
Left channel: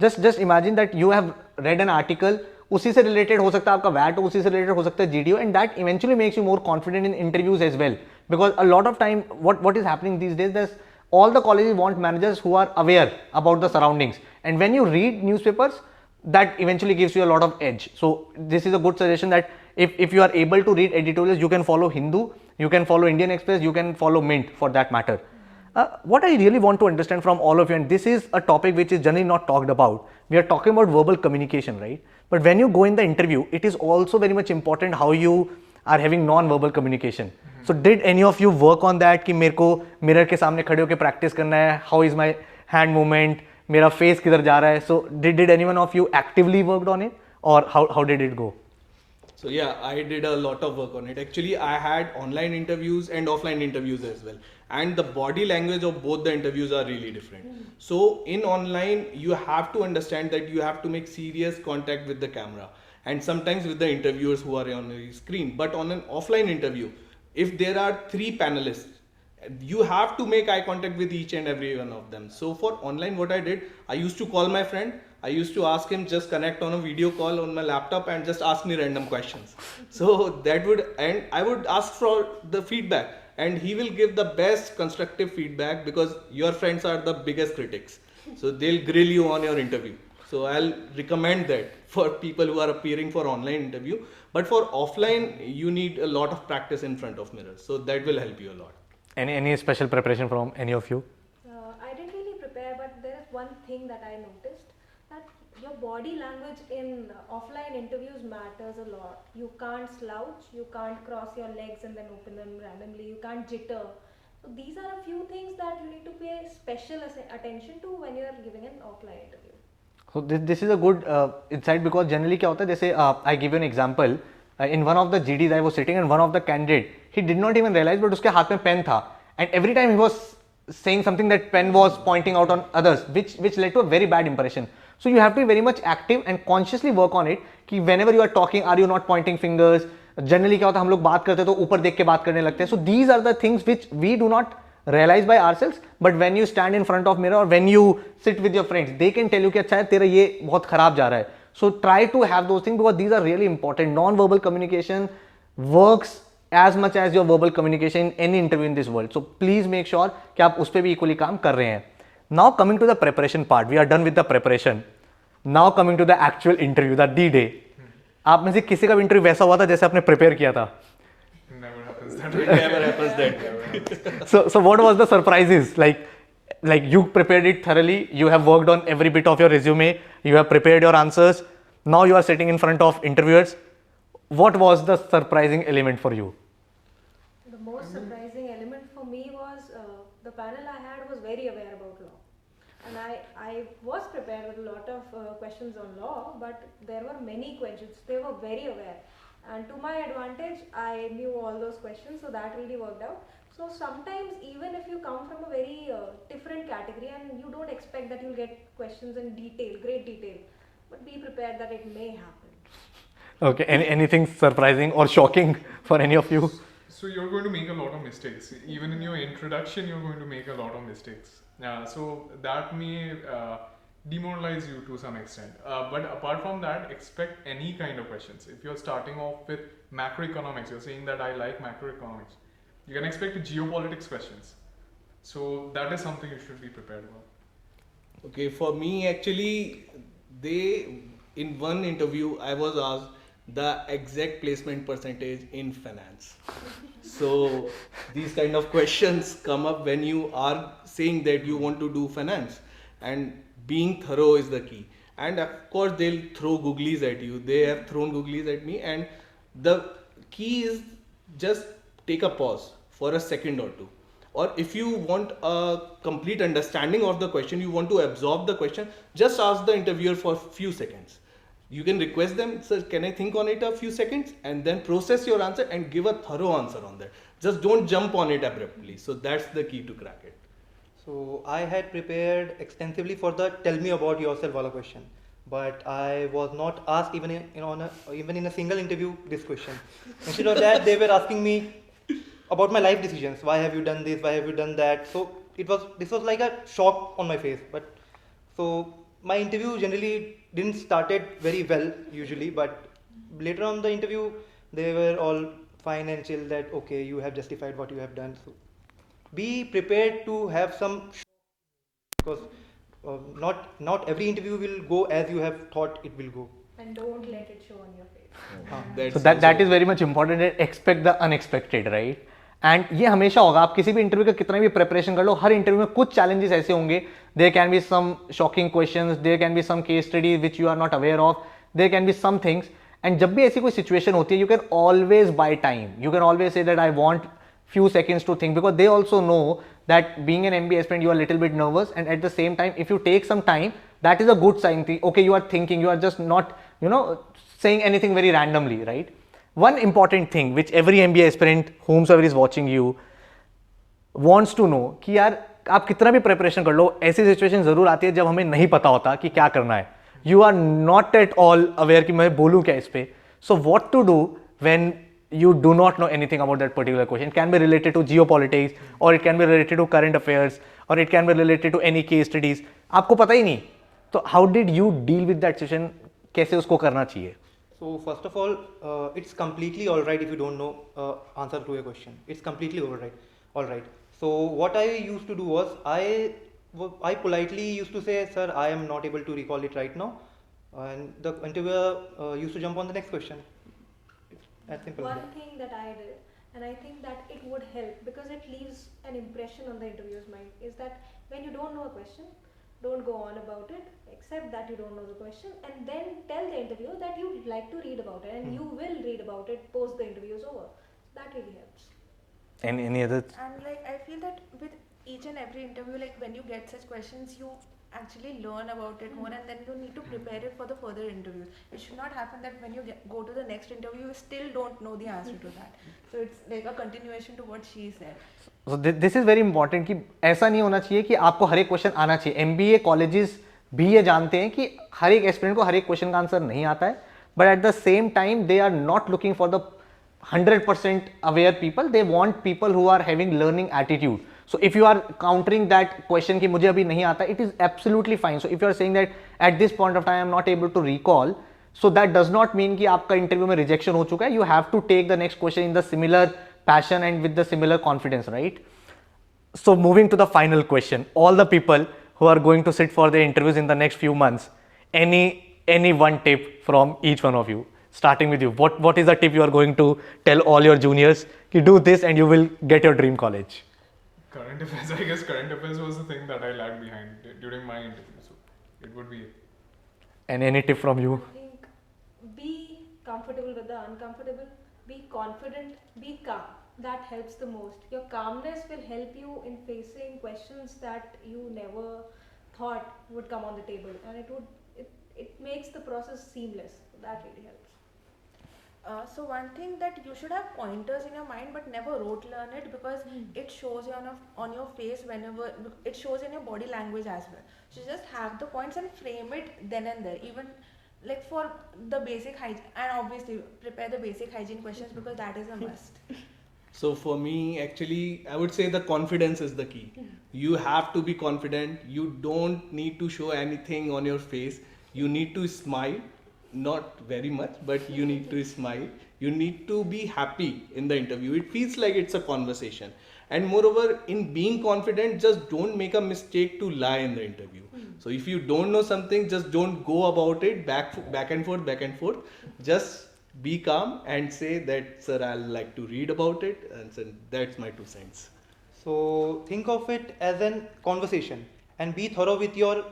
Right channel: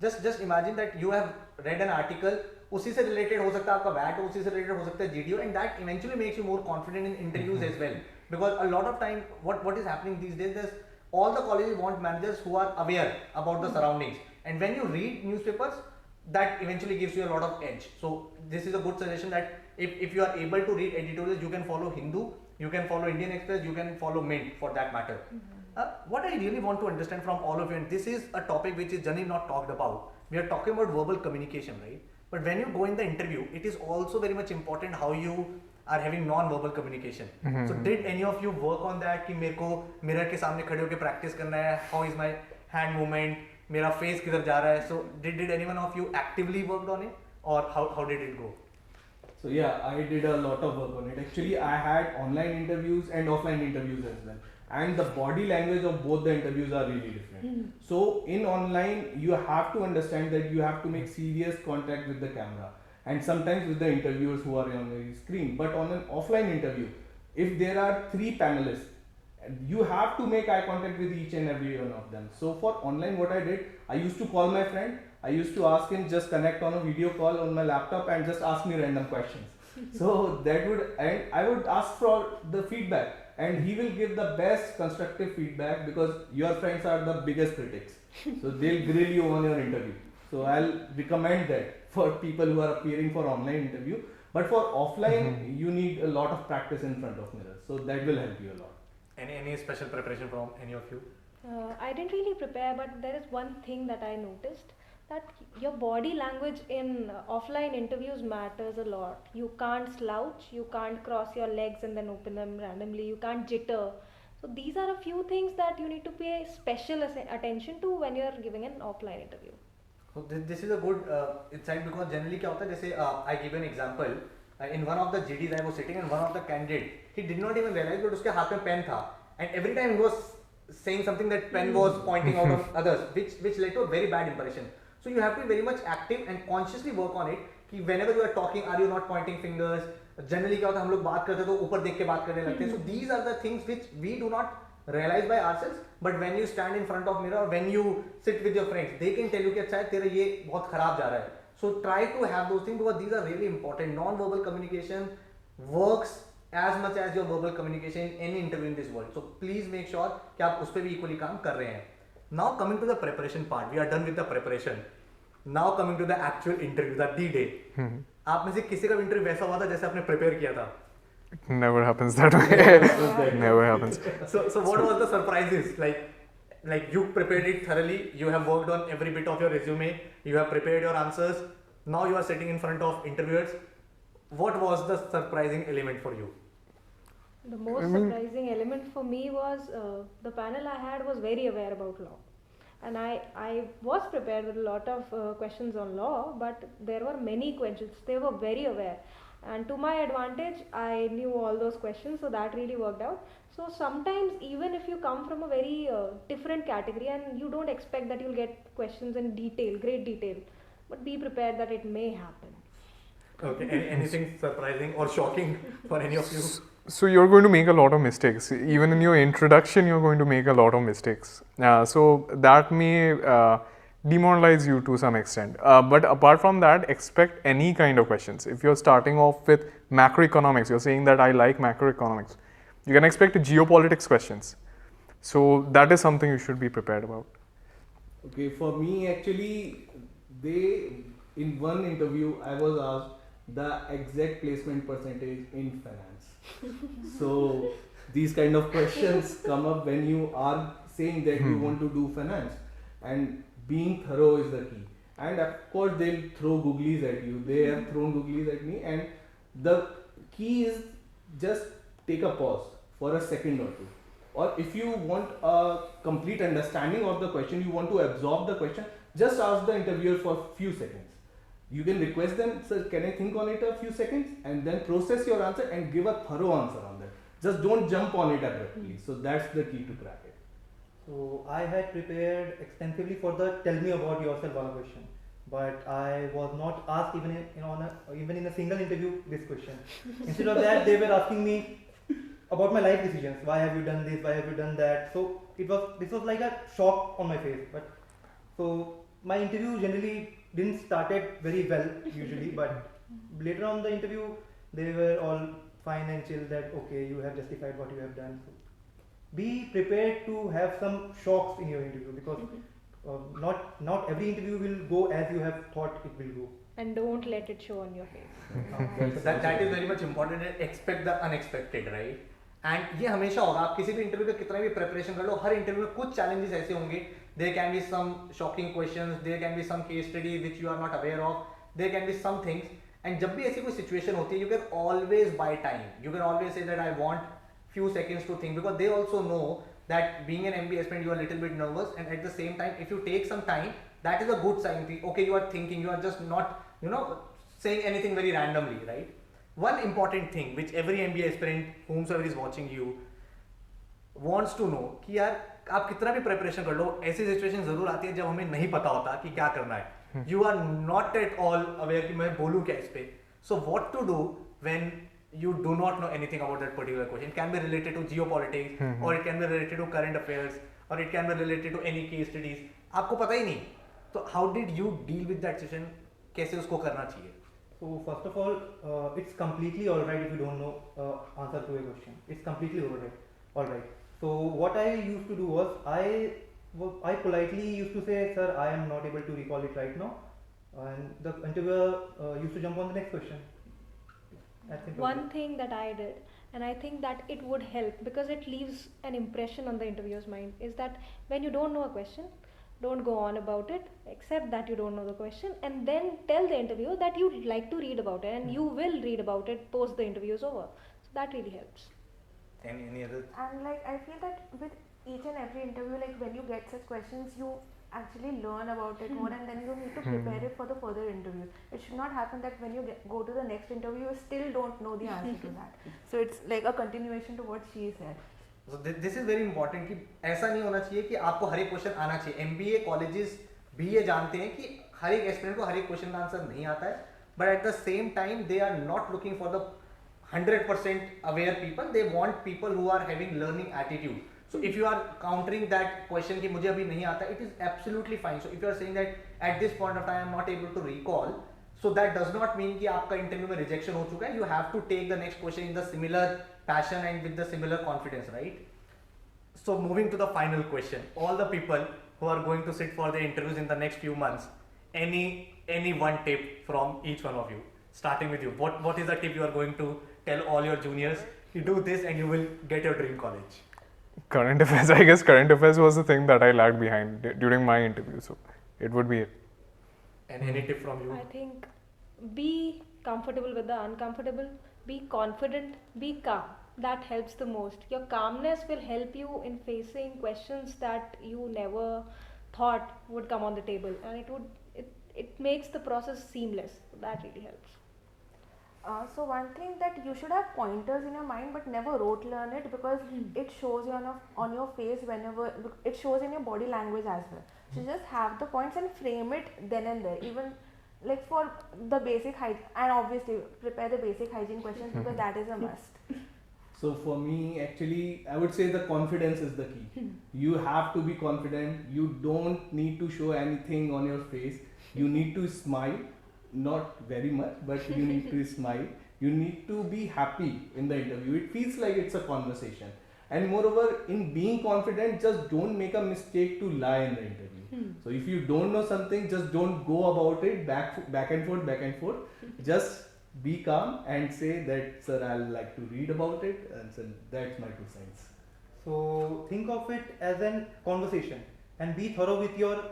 just imagine that you have read an article, उसी से related हो सकता है आपका VAT, उसी से related हो सकता है GDO, and that eventually makes you more confident in interviews as well, because a lot of time what is happening these days, there's all the colleges want managers who are aware about the surroundings, and when you read newspapers, that eventually gives you a lot of edge. So this is a good suggestion that if you are able to read editorials, you can follow Hindu, you can follow Indian Express, you can follow Mint for that matter. What I really want to understand from all of you, and this is a topic which is generally not talked about, we are talking about verbal communication, right? But when you go in the interview, it is also very much important how you are having non-verbal communication. So did any of you work on that कि मेरे को mirror के सामने खड़े होके practice करना है, how is my hand movement, मेरा face किधर जा रहा है? So did anyone of you actively worked on it, or how did it go? So yeah, I did a lot of work on it. Actually, I had online interviews and offline interviews as well. And the body language of both the interviews are really different. So in online, you have to understand that you have to make serious contact with the camera and sometimes with the interviewers who are on the screen. But on an offline interview, if there are 3 panelists, you have to make eye contact with each and every one of them. So for online, what I did, I used to call my friend. I used to ask him just connect on a video call on my laptop and just ask me random questions. So that would, and I would ask for the feedback, and he will give the best constructive feedback because your friends are the biggest critics. So they'll grill you on your interview. So I'll recommend that for people who are appearing for online interview. But for offline, you need a lot of practice in front of mirrors. So that will help you a lot. Any special preparation from any of you? I didn't really prepare, but there is one thing that I noticed, that your body language in offline interviews matters a lot. You can't slouch, you can't cross your legs and then open them randomly, you can't jitter. So these are a few things that you need to pay special attention to when you are giving an offline interview. So this is a good insight, because generally क्या होता है, जैसे I give you an example, in one of the GDs I was sitting and one of the candidate, he did not even realize but उसके हाथ में pen था, and every time he was saying something that pen was pointing out on others, which led to a very bad impression. So you have to be very much active and consciously work on it कि whenever you are talking, are you not pointing fingers? Generally क्या होता है, हम लोग बात करते हैं तो ऊपर देख के बात करने लगते हैं. So these are the things which we do not realize by ourselves, but when you stand in front of mirror or when you sit with your friends, they can tell you कि अच्छा है तेरा ये बहुत खराब जा रहा है. So try to have those things because these are really important. Non-verbal communication works as much as your verbal communication in any interview in this world. So please make sure कि आप उस पर भी equally काम कर रहे हैं. Now coming to the preparation part, we are done with the preparation. Now coming to the actual interview, the D-Day. आप में से किसी का भी इंटरव्यू वैसा हुआ था जैसे आपने प्रिपेयर किया था? Never happens that way. Never happens. So what was the surprises? Like you prepared it thoroughly, you have worked on every bit of your resume, you have prepared your answers. Now you are sitting in front of interviewers. What was the surprising element for you? The most surprising element for me was the panel I had was very aware about law. And I was prepared with a lot of questions on law, but there were many questions. They were very aware. And to my advantage, I knew all those questions, so that really worked out. So sometimes even if you come from a very different category and you don't expect that you'll get questions in detail, great detail, but be prepared that it may happen. Okay, anything surprising or shocking for any of you? So you're going to make a lot of mistakes. Even in your introduction, you're going to make a lot of mistakes. So that may demoralize you to some extent. But apart from that, expect any kind of questions. If you're starting off with macroeconomics, you're saying that I like macroeconomics, you can expect geopolitics questions. So that is something you should be prepared about. Okay, for me actually, in one interview I was asked the exact placement percentage in finance. So these kind of questions come up when you are saying that you want to do finance, and being thorough is the key. And of course they'll throw googlies at you. They have thrown googlies at me, and the key is just take a pause for a second or two. Or if you want a complete understanding of the question, you want to absorb the question, just ask the interviewer for a few seconds. You can request them, sir, can I think on it a few seconds, and then process your answer and give a thorough answer on that. Just don't jump on it abruptly. So that's the key to crack it. So I had prepared extensively for the tell me about yourself wala question, but I was not asked even even in a single interview this question. Instead of that, they were asking me about my life decisions. Why have you done this? Why have you done that? So this was like a shock on my face. But so my interview generally didn't started very well usually, but later on the interview they were all fine and chill that okay, you have justified what you have done. So be prepared to have some shocks in your interview, because not every interview will go as you have thought it will go. And don't let it show on your face. So that is very much important. Expect the unexpected, right? And ये हमेशा होगा, आप किसी भी interview का कितना भी preparation कर लो, हर इंटरव्यू में कुछ चैलेंजेस ऐसे होंगे. There can be some shocking questions, there can be some case study which you are not aware of, there can be some things. And जब भी ऐसी कोई सिचुएशन होती है, you can always buy time, you can always say that I want few seconds to think, because they also know that being an MBA aspirant you are a little bit nervous, and at the same time if you take some time, that is a good sign. Okay, you are thinking, you are just not saying anything very randomly, right? One important thing which every MBA aspirant whomsoever is watching you wants to know कि यार आप कितना भी preparation कर लो, ऐसी situation जरूर आती है जब हमें नहीं पता होता कि क्या करना है. You are not at all aware कि मैं बोलूँ क्या इस पे. So what to do when you do not know anything about that particular question? It can be related to geopolitics, or it can be related to current affairs, or it can be related to any case studies. आपको पता ही नहीं, तो how did you deal with that situation? कैसे उसको करना चाहिए? So first of all, it's completely all right if you don't know answer to a question. It's completely all right. All right. So what I used to do was I politely used to say, sir, I am not able to recall it right now, and the interviewer used to jump on the next question. One thing that I did, and I think that it would help because it leaves an impression on the interviewer's mind, is that when you don't know a question, don't go on about it, accept that you don't know the question, and then tell the interviewer that you would like to read about it, and you will read about it post the interview is over. So that really helps. Any other? And like I feel that with each and every interview, like when you get such questions, you actually learn about it more, and then you need to prepare it for the further interviews. It should not happen that when you go to the next interview, you still don't know the answer to that. So it's like a continuation to what she said. So this is very important कि ऐसा नहीं होना चाहिए कि आपको हर एक question आना चाहिए. MBA कॉलेजेस भी ये जानते हैं कि हर एक एस्पिरेंट को हर एक क्वेश्चन का आंसर नहीं आता है, but at the same time they are not looking for the 100% aware people. They want people who are having learning attitude. So if you are countering that question कि मुझे अभी नहीं आता, it is absolutely fine. So if you are saying that at this point of time I am not able to recall, so that does not mean कि आपका interview में rejection हो चुका है. You have to take the next question in the similar passion and with the similar confidence, right? So moving to the final question, all the people who are going to sit for the interviews in the next few months, any one tip from each one of you, starting with you. What is the tip you are going to tell all your juniors? You do this and you will get your dream college. Current affairs, I guess current affairs was the thing that I lagged behind during my interview, so it would be it. And any tip from you? I think be comfortable with the uncomfortable, be confident, be calm. That helps the most. Your calmness will help you in facing questions that you never thought would come on the table, and it makes the process seamless. So that really helps. So one thing that you should have pointers in your mind, but never rote learn it, because it shows you on your face whenever it shows in your body language as well. So just have the points and frame it then and there. Even like for the basic hygiene, and obviously prepare the basic hygiene questions because that is a must. So for me, actually, I would say the confidence is the key. You have to be confident. You don't need to show anything on your face. You need to smile. Not very much, but you need to smile. You need to be happy in the interview. It feels like it's a conversation. And moreover, in being confident, just don't make a mistake to lie in the interview. So if you don't know something, just don't go about it back and forth. Just be calm and say that, sir, I'll like to read about it, and so that's my 2 cents. So think of it as an conversation and be thorough with your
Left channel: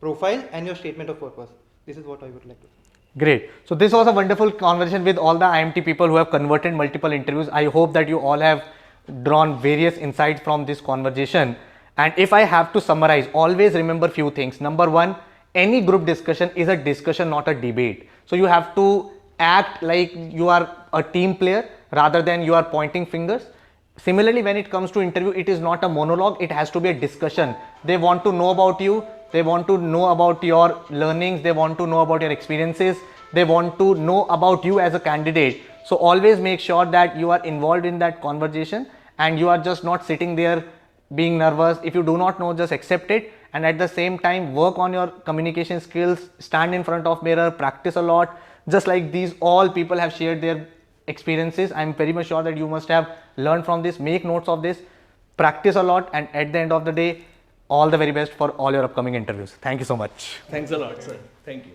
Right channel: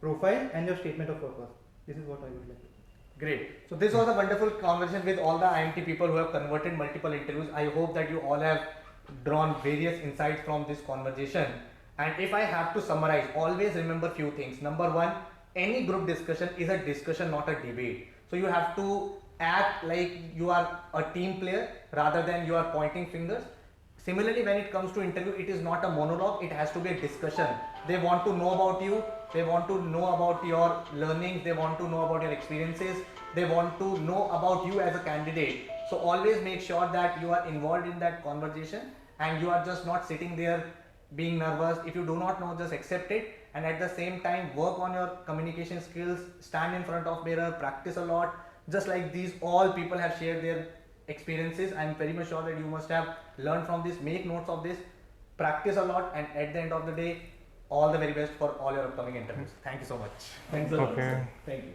profile and your statement of purpose. This is what I would like to say. Great. So this was a wonderful conversation with all the IMT people who have converted multiple interviews. I hope that you all have drawn various insights from this conversation. And if I have to summarize, always remember few things. Number one, any group discussion is a discussion, not a debate. So you have to act like you are a team player rather than you are pointing fingers. Similarly, when it comes to interview, it is not a monologue, it has to be a discussion. They want to know about you, they want to know about your learnings, they want to know about your experiences, they want to know about you as a candidate. So always make sure that you are involved in that conversation and you are just not sitting there being nervous. If you do not know, just accept it, and at the same time work on your communication skills, stand in front of mirror, practice a lot. Just like these all people have shared their experiences, I'm very much sure that you must have learned from this. Make notes of this, practice a lot, and at the end of the day, all the very best for all your upcoming interviews. Thank you so much. Thanks a lot, sir. Thank you.